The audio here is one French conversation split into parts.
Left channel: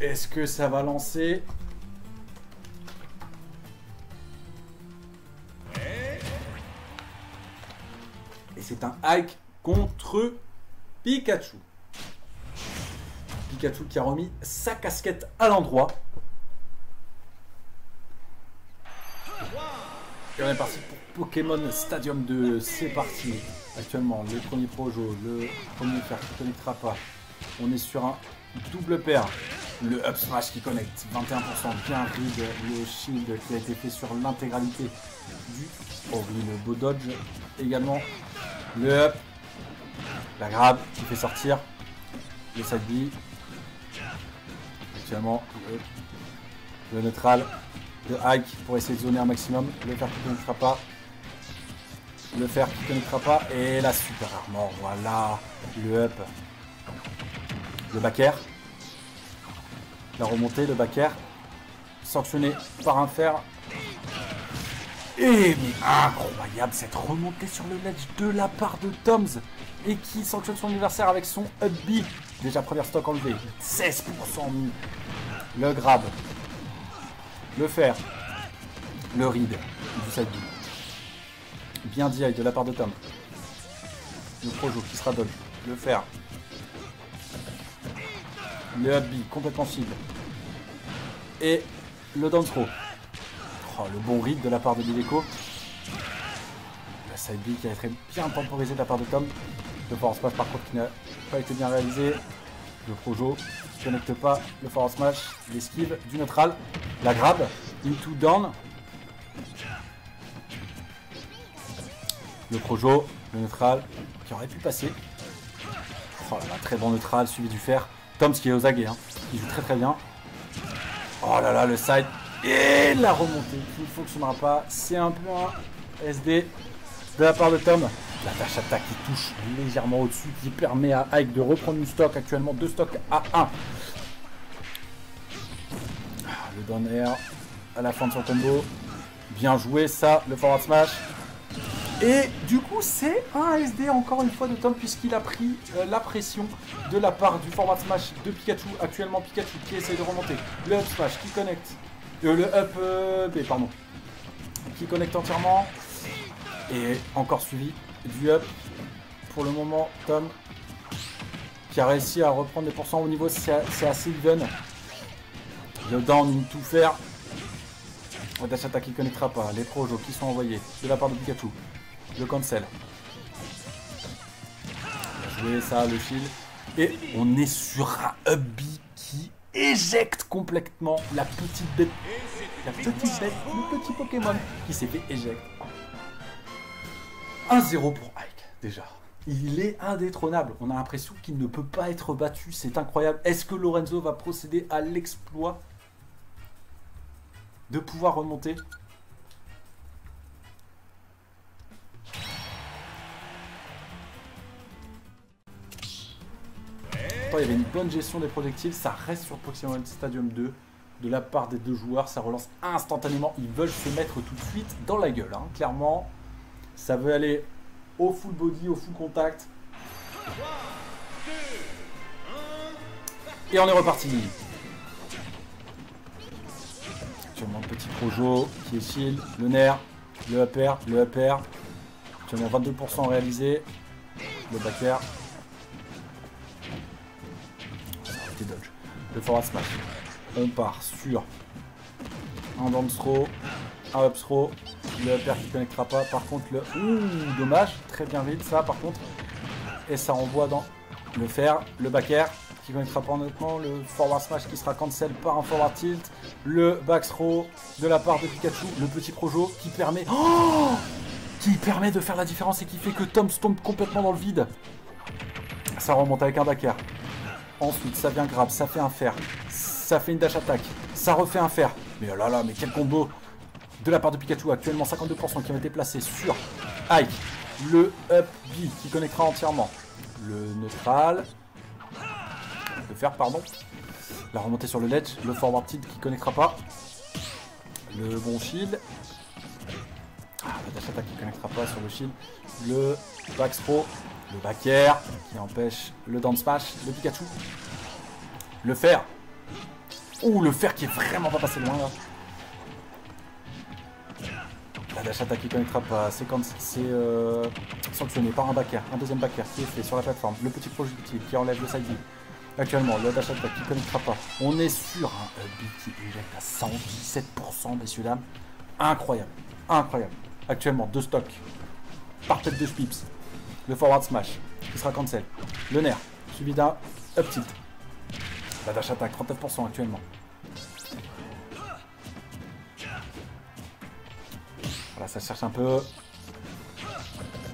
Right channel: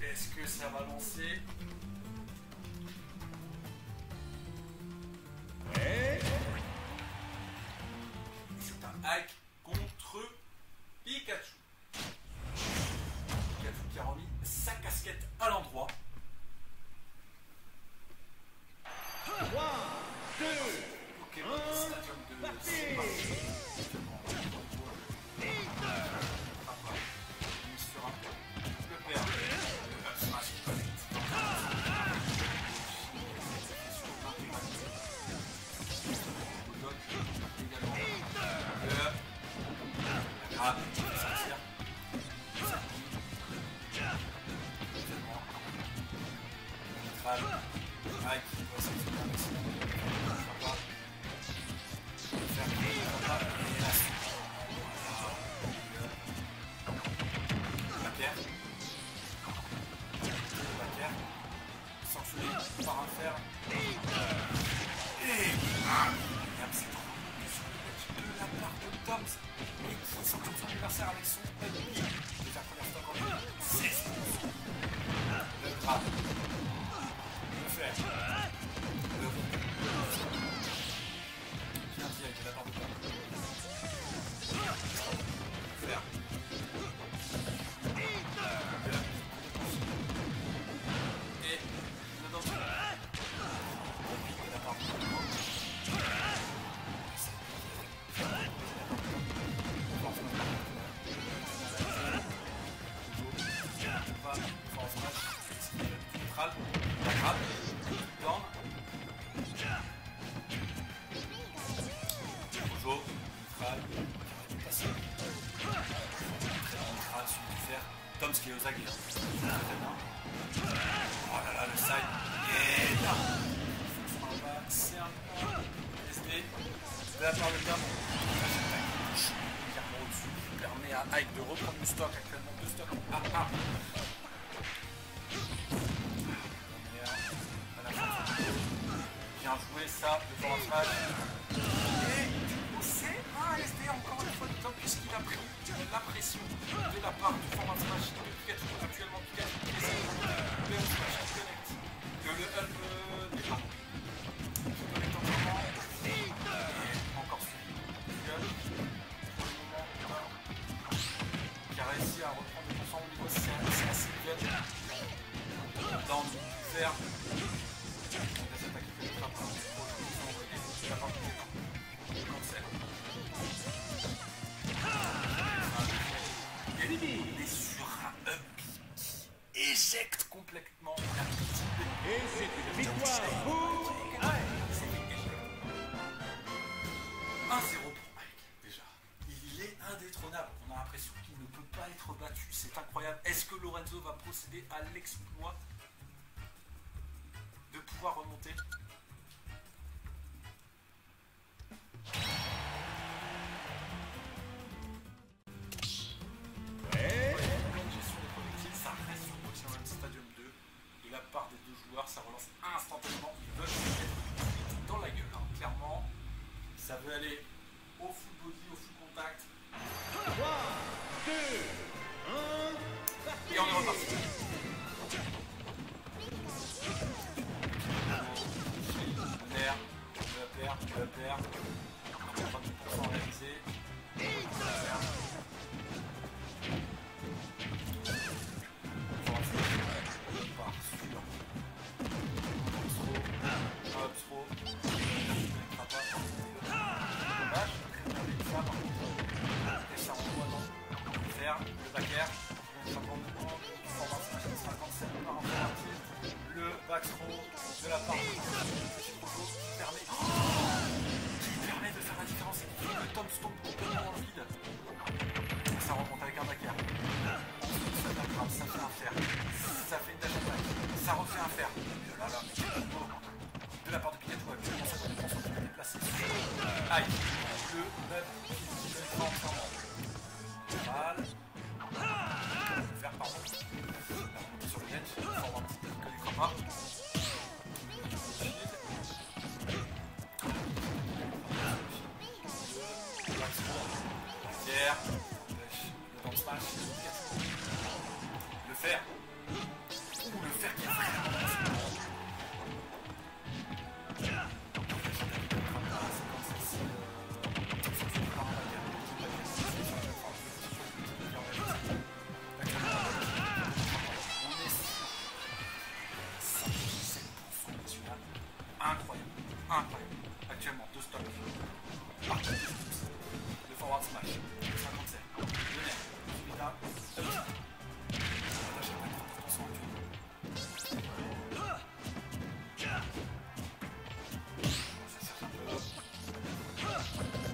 Est-ce que ça va lancer? Et c'est un Ike contre Pikachu. Pikachu qui a remis sa casquette à l'endroit. Et on est parti pour Pokémon Stadium 2. C'est parti. Actuellement, le premier projet, le premier qui ne connectera pas. On est sur un double paire. Le up smash qui connecte. 21%. Bien vide. Le shield qui a été fait sur l'intégralité du le beau dodge. Également le up. La grab qui fait sortir. Le side B. Actuellement, le neutral. Le hike pour essayer de zoner un maximum. Le faire qui ne connaîtra pas. Le faire qui ne connaîtra pas. Et la super mort. Voilà. Le up. Le back air. La remontée, le back air. Sanctionné par un fer. Et incroyable cette remontée sur le ledge de la part de Toms. Et qui sanctionne son adversaire avec son up B. Déjà première stock enlevé. 16% mis. Le grab. Le fer. Le read. Bien direct de la part de Tom. Le projo qui sera dodge. Le fer. Le up B complètement fine. Et le down throw. Oh, le bon read de la part de Bileco. La side B qui a été bien temporisé de la part de Tom. Le force smash par contre qui n'a pas été bien réalisé. Le projo ne connecte pas. Le force smash. L'esquive du neutral. La grab. Into down. Le projo. Le neutral qui aurait pu passer. Oh, un très bon neutral suivi du fer. Toms qui est aux aguets. Hein. Il joue très très bien. Oh là là, le side. Et la remontée qui ne fonctionnera pas. C'est un point SD de la part de Tom. La dash attaque qui touche légèrement au-dessus, qui permet à Ike de reprendre une stock. Actuellement 2 stocks à 1. Le down air à la fin de son combo. Bien joué ça, le forward smash. Et du coup c'est un SD encore une fois de Tom puisqu'il a pris la pression de la part du forward smash de Pikachu. Actuellement Pikachu qui essaie de remonter. Le up smash qui connecte. Le up B pardon. Qui connecte entièrement. Et encore suivi du up. Pour le moment Tom qui a réussi à reprendre des pourcents au niveau, c'est assez even. Le down il tout faire. Le dash attack qui ne connectera pas. Les projos qui sont envoyés de la part de Pikachu. Le cancel. Et ça, le fil. Et on est sur un up B qui éjecte complètement la petite bête. La petite bête, le petit Pokémon qui s'est fait éjecter. 1-0 pour Ike, déjà. Il est indétrônable. On a l'impression qu'il ne peut pas être battu. C'est incroyable. Est-ce que Lorenzo va procéder à l'exploit de pouvoir remonter? Oh, il y avait une bonne gestion des projectiles. Ça reste sur Pokémon Stadium 2 de la part des deux joueurs. Ça relance instantanément. Ils veulent se mettre tout de suite dans la gueule. Hein. Clairement, ça veut aller au full body, au full contact. 3, 2, 1. Et on est reparti. Le petit projo qui est shield, le nerf, le upper, le upper. On est à 22% réalisé. Le back air. Le forward smash. On part sur un down throw, un up throw. Le upper qui ne connectera pas. Par contre, le. Dommage. Très bien vite ça par contre. Et ça renvoie dans le fer, le back air qui ne connectera pas en écran. Le forward smash qui sera cancel par un forward tilt. Le back throw de la part de Pikachu. Le petit projo qui permet. Qui permet de faire la différence et qui fait que Tom tombe complètement dans le vide. Ça remonte avec un back air. Ensuite, ça vient grab, ça fait un fer, ça fait une dash attack, ça refait un fer. Mais oh là là, mais quel combo de la part de Pikachu. Actuellement 52% qui ont été placés sur Ike. Le up B qui connectera entièrement. Le neutral. Le fer, pardon. La remontée sur le ledge. Le forward tilt qui connectera pas. Le bon shield. La dash attack qui connectera pas sur le shield. Le back throw. Le back air qui empêche le down smash, le Pikachu. Le fer Ouh, le fer qui est vraiment pas passé loin là. La dash attaque qui connaîtra pas. C'est sanctionné par un backer. Un deuxième backer qui est fait sur la plateforme. Le petit projectile qui enlève le side. Actuellement, la dash attaque qui connaîtra pas. On est sur un qui est à 117%, messieurs dames. Incroyable. Incroyable. Actuellement, 2 stocks. Par tête de slips. Le forward smash qui sera cancel. Le nerf suivi d'un up tilt. La dash attaque 34% actuellement. Voilà, ça cherche un peu.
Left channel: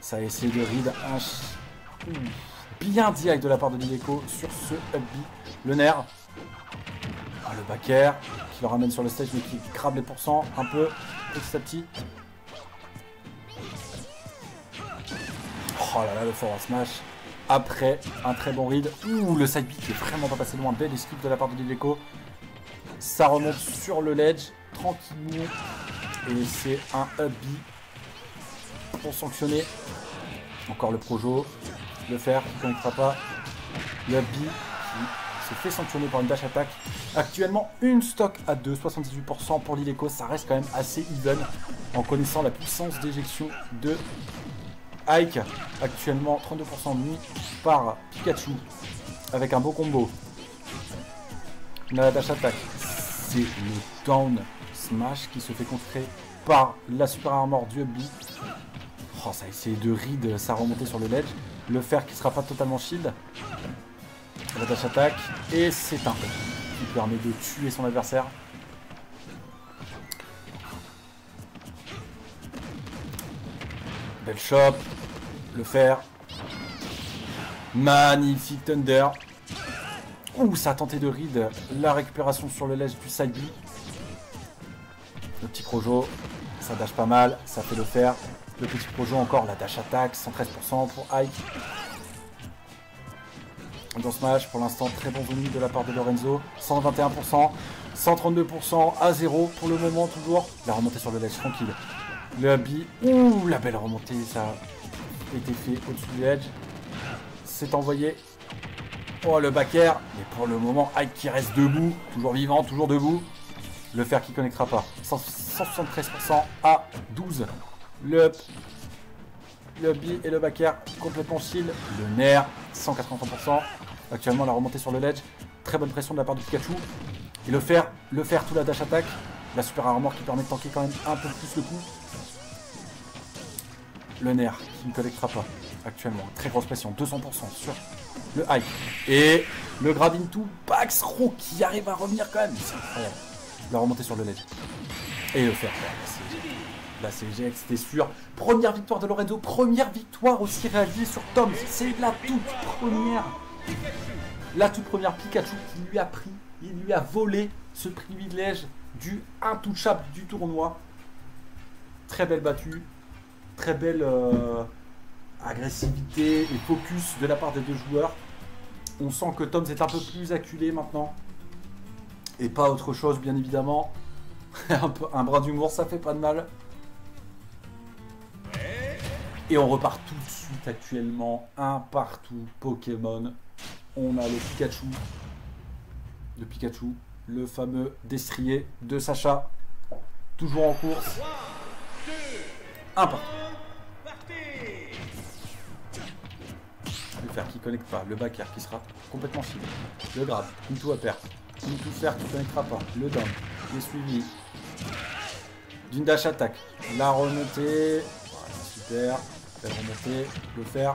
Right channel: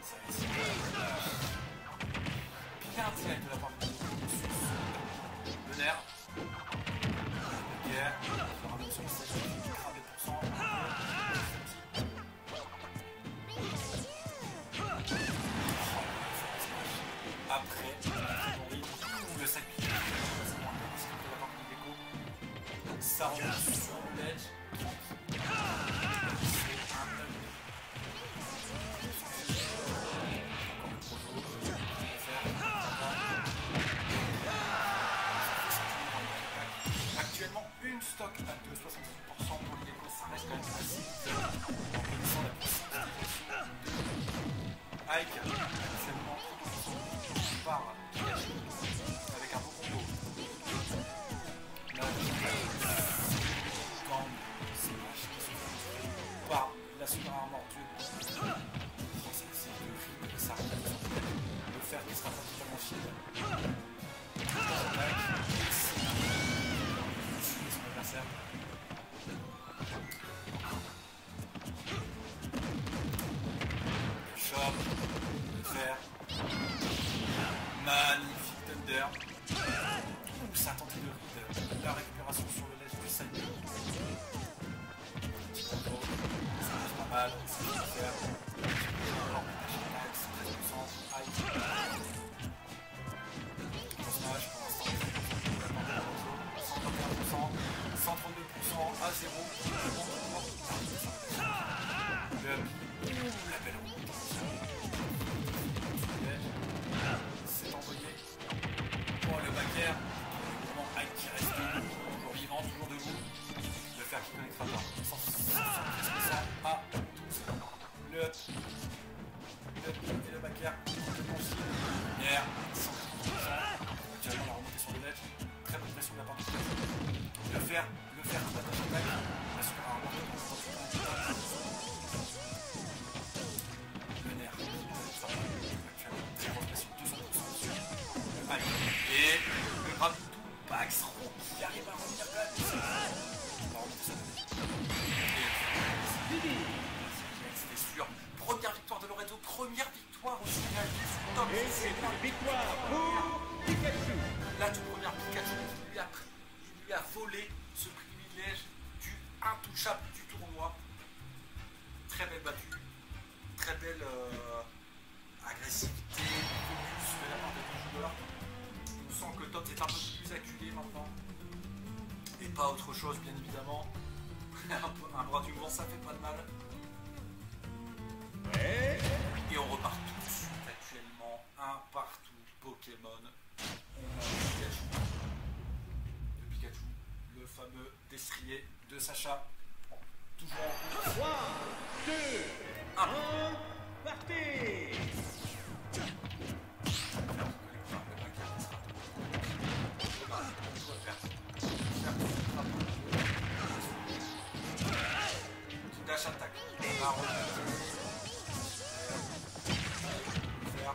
Ça essaie de read bien direct de la part de Nideco sur ce up B. Le nerf. Le backer qui le ramène sur le stage et qui crabe les pourcents un peu petit à petit. Oh là là, le forward smash. Après un très bon read. Ouh, le side kick est vraiment pas passé loin. Belle esquive de la part de Nideco. Ça remonte sur le ledge tranquillement. Et c'est un up B pour sanctionner. Encore le projo. Le fer qui ne fera pas. Le up B se fait sanctionner par une dash attaque. Actuellement, une stock à 2, 78% pour Nideco. Ça reste quand même assez even en connaissant la puissance d'éjection de Ike. Actuellement, 32% mis par Pikachu avec un beau combo. La dash attaque, c'est le down smash qui se fait contrer par la super armor du Hubby. Oh, ça a essayé de read sa remontée sur le ledge. Le fer qui sera pas totalement shield. La dash attaque et c'est un qui permet de tuer son adversaire. Belle shop. Le fer. Magnifique Thunder. Ouh, ça a tenté de read la récupération sur le ledge du side B. Le petit projo, ça dash pas mal, ça fait le fer. Le petit projo encore, la dash attaque, 113% pour Ike. Dans smash, pour l'instant, très bon volume de la part de Lorenzo. 121%, 132% à 0 pour le moment toujours. La remontée sur le ledge, tranquille. Le Hubby, ouh, la belle remontée, ça a été fait au-dessus du edge. C'est envoyé. Oh, le backer. Et pour le moment, Ike qui reste debout, toujours vivant, toujours debout. Le fer qui ne connectera pas. 173% à 12. Le up. Le Hubby et le backer complètement shield. Le nerf, 180%. Actuellement, la remontée sur le ledge. Très bonne pression de la part du Pikachu. Et le fer, tout la dash attaque. La super armor qui permet de tanker quand même un peu plus le coup. Le nerf qui ne collectera pas actuellement. Très grosse pression, 200% sur le Ike. Et le grab into Baxro qui arrive à revenir quand même. C'est incroyable. La remontée sur le ledge. Et le fer. Là c'est GX, c'était sûr. Première victoire de Lorenzo, première victoire aussi réalisée sur Tom. C'est la toute première Pikachu qui lui a pris, il lui a volé ce privilège du intouchable du tournoi. Très belle battue. Très belle agressivité et focus de la part des deux joueurs. On sent que Tom est un peu plus acculé maintenant. Et pas autre chose, bien évidemment. un brin d'humour, ça fait pas de mal. Et on repart tout de suite actuellement. Un partout Pokémon. On a le Pikachu. Le fameux destrier de Sacha. Toujours en course. Un partout. Le fer qui ne connecte pas, le backer qui sera complètement fini. Le grab, une tout à perdre. Le fer qui ne connectera pas, le down, le suivi. D'une dash attaque. La remontée. Super. La remontée. Le fer.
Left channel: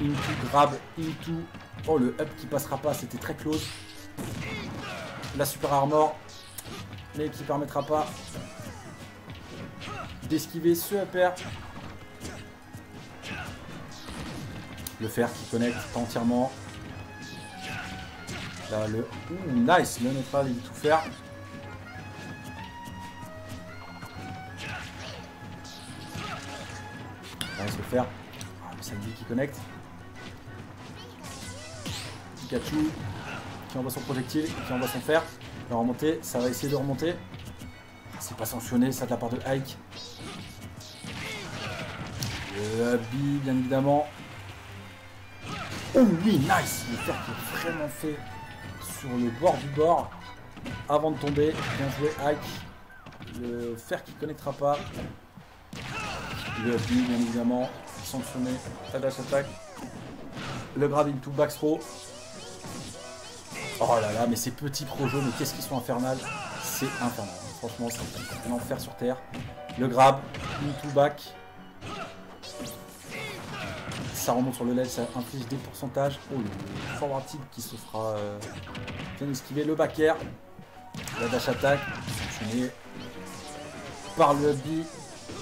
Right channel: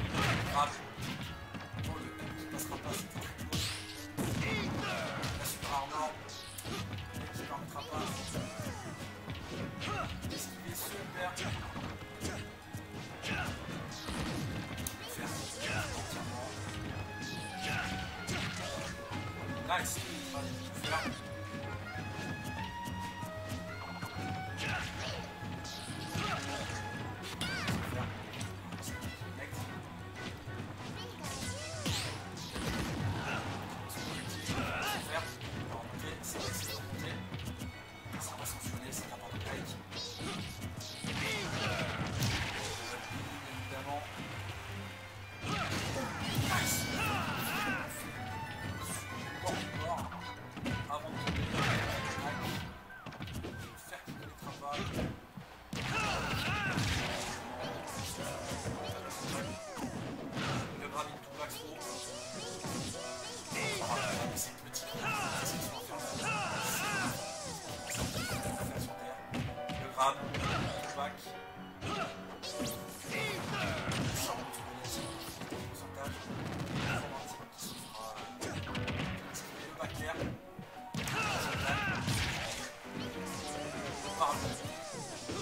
Une grab, une tout. Oh, le up qui passera pas, c'était très close. La super armor. Mais qui ne permettra pas d'esquiver ce upper. Le fer qui connecte entièrement. Là, le... nice, le n'est pas du tout faire. Là, le fer. C'est lui qui connecte. Pikachu qui envoie son projectile, qui envoie son fer. Il va remonter, ça va essayer de remonter. C'est pas sanctionné, ça de la part de Ike. Le Hubby, bien évidemment. Oh oui, nice! Le fer qui est vraiment fait sur le bord du bord. avant de tomber. Bien joué, Ike. Le fer qui ne connaîtra pas. Le bien évidemment. Sanctionné. Tadash attaque. Le grab into back throw. Oh là là, mais ces petits projets, mais qu'est-ce qu'ils sont infernales. C'est infernal. Franchement, c'est un enfer sur terre. Le grab, into back. Ça remonte sur le led, ça inflige des pourcentages. Oh, le forward tilt qui se fera bien esquiver. Le back air. La dash attack. Par le but.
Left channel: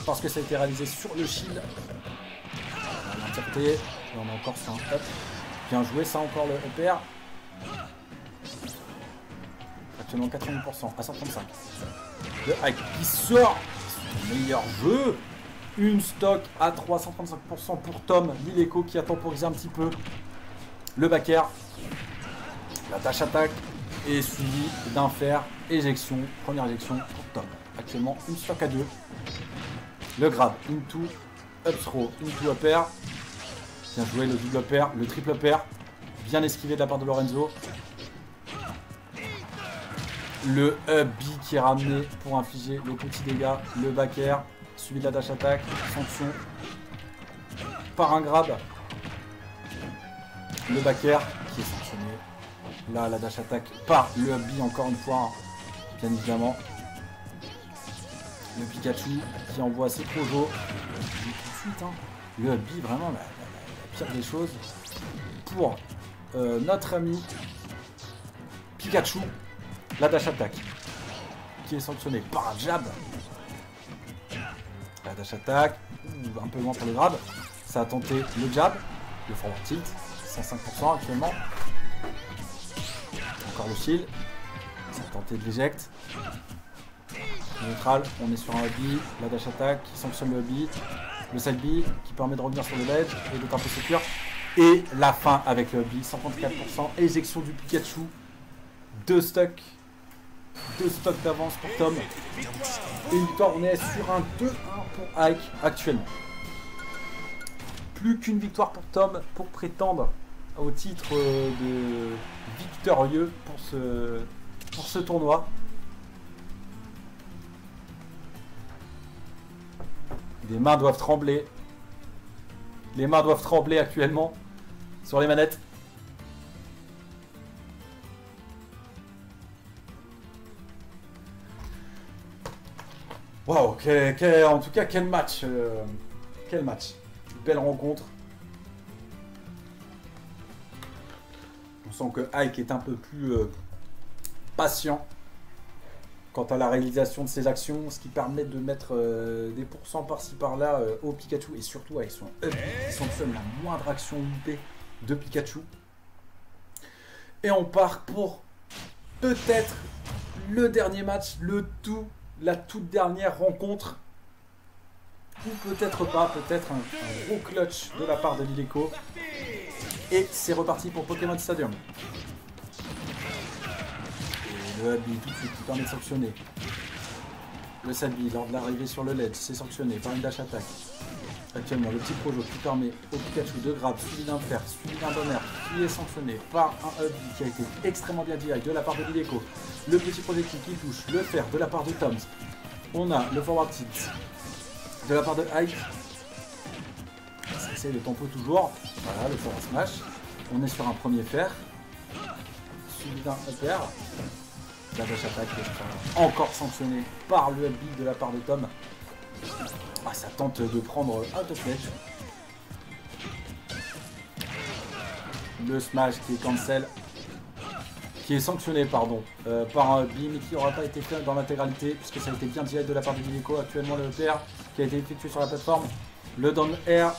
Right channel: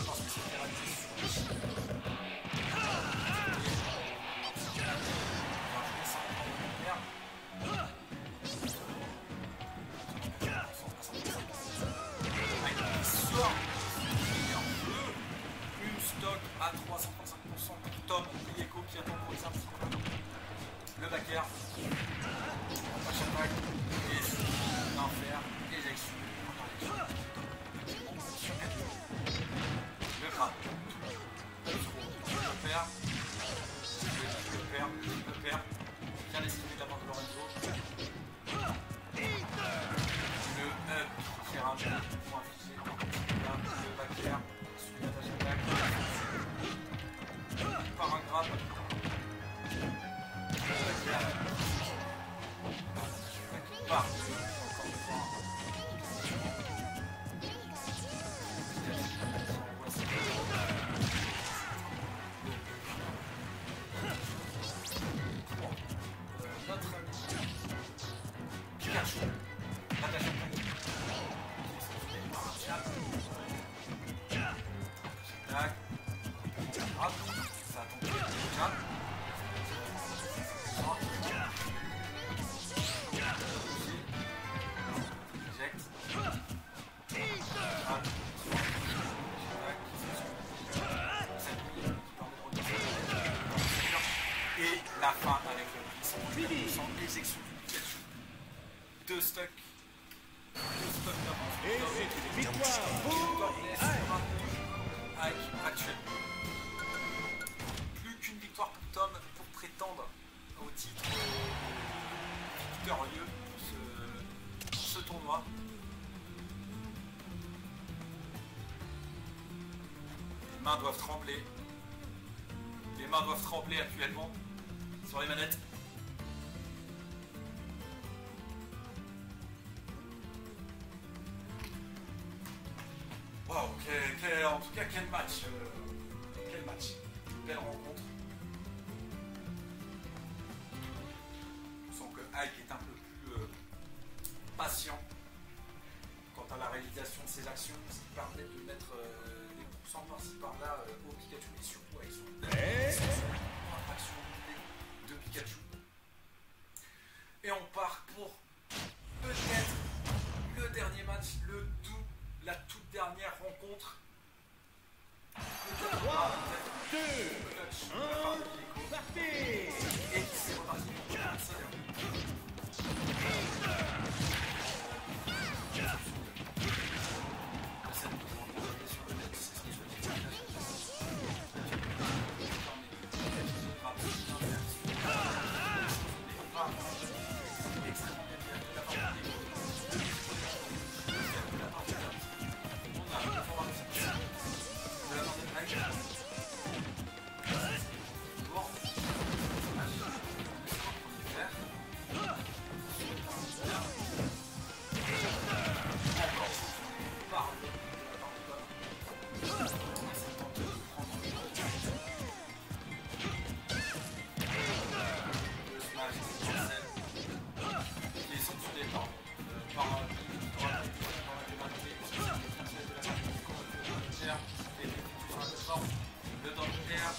Parce que ça a été réalisé sur le shield. Tapé. On a encore ça un up. Bien joué, ça encore le repère. Actuellement 80% à 135. Le hike qui sort. Meilleur jeu. Une stock à 335% pour Tom Lileko qui a temporisé un petit peu. Le back air. La dash attack. Et suivi d'un fer. Éjection. Première éjection pour Tom. Actuellement une stock à 2. Le grab. Into. Up throw. Into up air. Bien joué le double up air. Le triple up air. Bien esquivé de la part de Lorenzo. Le up B qui est ramené pour infliger le petit dégât. Le back air. Suivi de la dash attack. Sanction. Par un grab. Le back air. Là, la dash attack par le up B encore une fois. Bien évidemment. Le Pikachu qui envoie ses Pojo. Le up B vraiment la pire des choses. Pour notre ami Pikachu. La dash attack qui est sanctionnée par un jab. La dash attack, un peu loin pour les grabs. Ça a tenté le jab, le forward tilt, 105% actuellement. Encore le shield. Ça a tenté de l'éject. Neutral, on est sur un B, la dash attack qui sanctionne le B, le side B qui permet de revenir sur le ledge et de taper secure. Et la fin avec le B, 54%, éjection du Pikachu, 2 stocks. 2 stocks d'avance pour Tom. Et une cornet sur un 2-1 pour Ike actuellement. Plus qu'une victoire pour Tom pour prétendre au titre de victorieux pour ce tournoi. Les mains doivent trembler. Les mains doivent trembler actuellement sur les manettes. Wow, en tout cas, quel match. Quel match. Une belle rencontre. On sent que Ike est un peu plus patient quant à la réalisation de ses actions, ce qui permet de mettre des pourcents par-ci par-là au Pikachu et surtout avec son up qui sanctionne la moindre action UP de Pikachu. Et on part pour peut-être le dernier match, la toute dernière rencontre. Ou peut-être pas, peut-être un gros clutch de la part de Lileko. Et c'est reparti pour Pokémon Stadium. Le qui permet de sanctionner. Le Salvi lors de l'arrivée sur le LED, c'est sanctionné par une dash attack. Actuellement, le petit projo qui permet au Pikachu de grab, suivi d'un fer, suivi d'un bonheur, qui est sanctionné par un up qui a été extrêmement bien direct de la part de Lileko. Le petit projectile qui touche, le fer de la part de Tom. On a le forward tilt de la part de Ike. C'est le tempo toujours. Voilà, le forward smash. On est sur un premier fer. Suivi d'un fer. La dash attack encore sanctionné par le LB de la part de Tom. Ah, ça tente de prendre un top net. Le smash qui est cancel. Qui est sanctionné par un beam qui n'aura pas été fait dans l'intégralité parce que ça a été bien direct de la part du Lileko. Actuellement le TR qui a été effectué sur la plateforme. Le down air,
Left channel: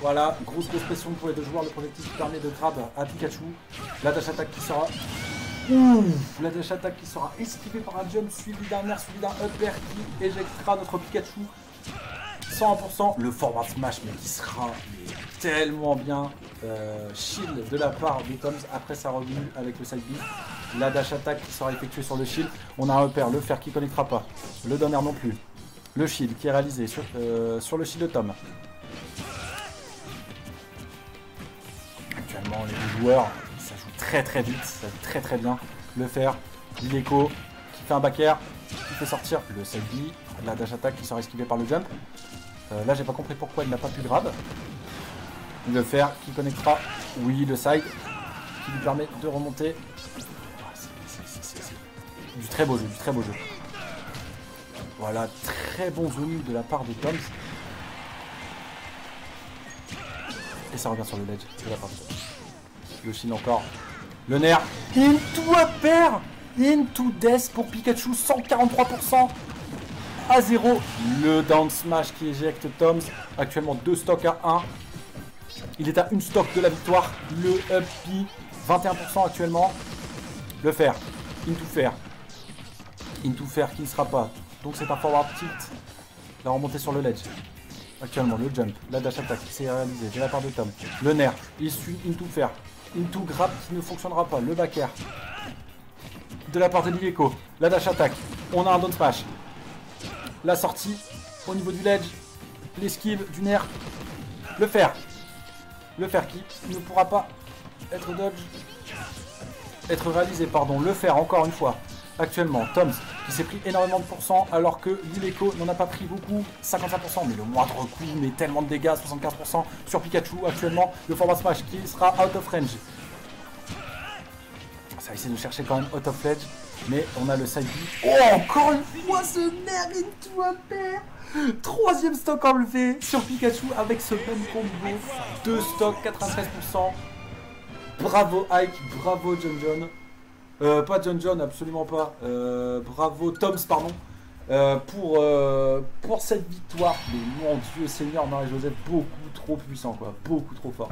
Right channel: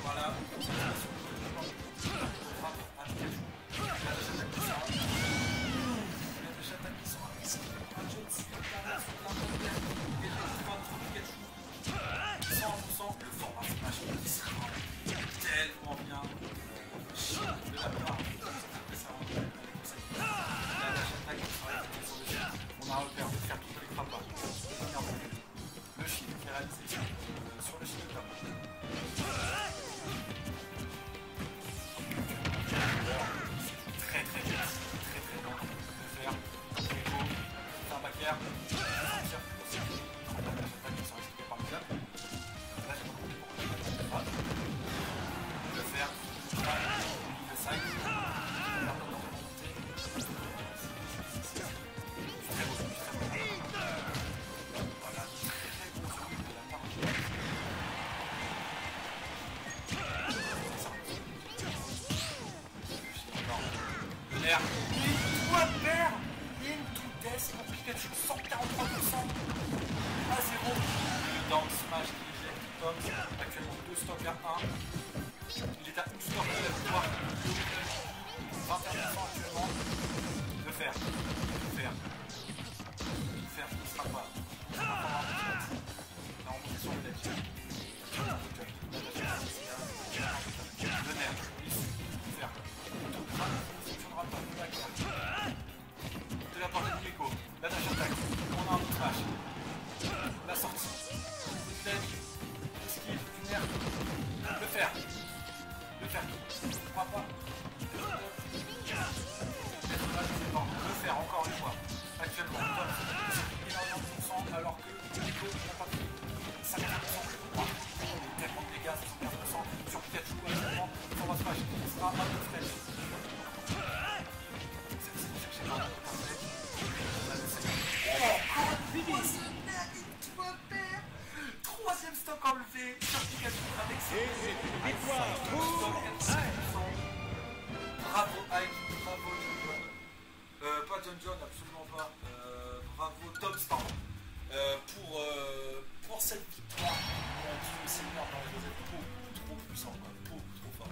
voilà, grosse pression pour les deux joueurs. Le projectile qui permet de grab à Pikachu. La dash attack qui sera la dash attack qui sera esquivée par un jump suivi d'un air, suivi d'un up air qui éjectera notre Pikachu 100%. Le forward smash qui sera tellement bien shield de la part de Tom après sa revenue avec le side B. La dash attack qui sera effectuée sur le shield. On a un repère, le fer qui ne connectera pas, le down air non plus. Le shield qui est réalisé sur le shield de Tom. Actuellement, les joueurs, ça joue très vite, ça joue très bien. Le fer, Lileko qui fait un back air, qui fait sortir le safety, la dash attack qui sera esquivée par le jump. Là j'ai pas compris pourquoi il n'a pas pu grab. Le faire, qui connectera, oui le side, qui lui permet de remonter. Du très beau jeu, du très beau jeu. Voilà, très bon zoom de la part de Tom. Et ça revient sur le ledge. Le Shin encore. Le nerf. Into a pair. Into death pour Pikachu. 143% à 0. Le down smash qui éjecte Toms. Actuellement 2 stocks à 1. Il est à une stock de la victoire. Le up B. 21% actuellement. Le fer. Into fer. Into fer qui ne sera pas. Donc c'est un forward tilt. La remontée sur le ledge. Actuellement, le jump, la dash attack, c'est réalisé de la part de Tom. Le nerf, il suit Into fer. Into grab qui ne fonctionnera pas. Le back air. De la part de Lileko. La dash attack. On a un down smash. La sortie au niveau du ledge. L'esquive du nerf. Le fer. Le fer qui ne pourra pas être réalisé. Pardon. Le fer encore une fois. Actuellement, Tom qui s'est pris énormément de pourcents alors que Lileko n'en a pas pris beaucoup, 55%, mais le moindre coup, mais tellement de dégâts, 75% sur Pikachu actuellement, le format smash qui sera out of range. Ça va essayer de chercher quand même out of range, mais on a le side. Oh, encore une fois ce nerf into a pair. Troisième stock enlevé sur Pikachu avec ce bon combo, 2 stocks, 93%. Bravo Ike, bravo John. Pas John, absolument pas. Bravo Toms, pardon. Pour cette victoire. Mais mon Dieu Seigneur, Marie-Joseph, beaucoup trop puissant, quoi. Beaucoup trop fort.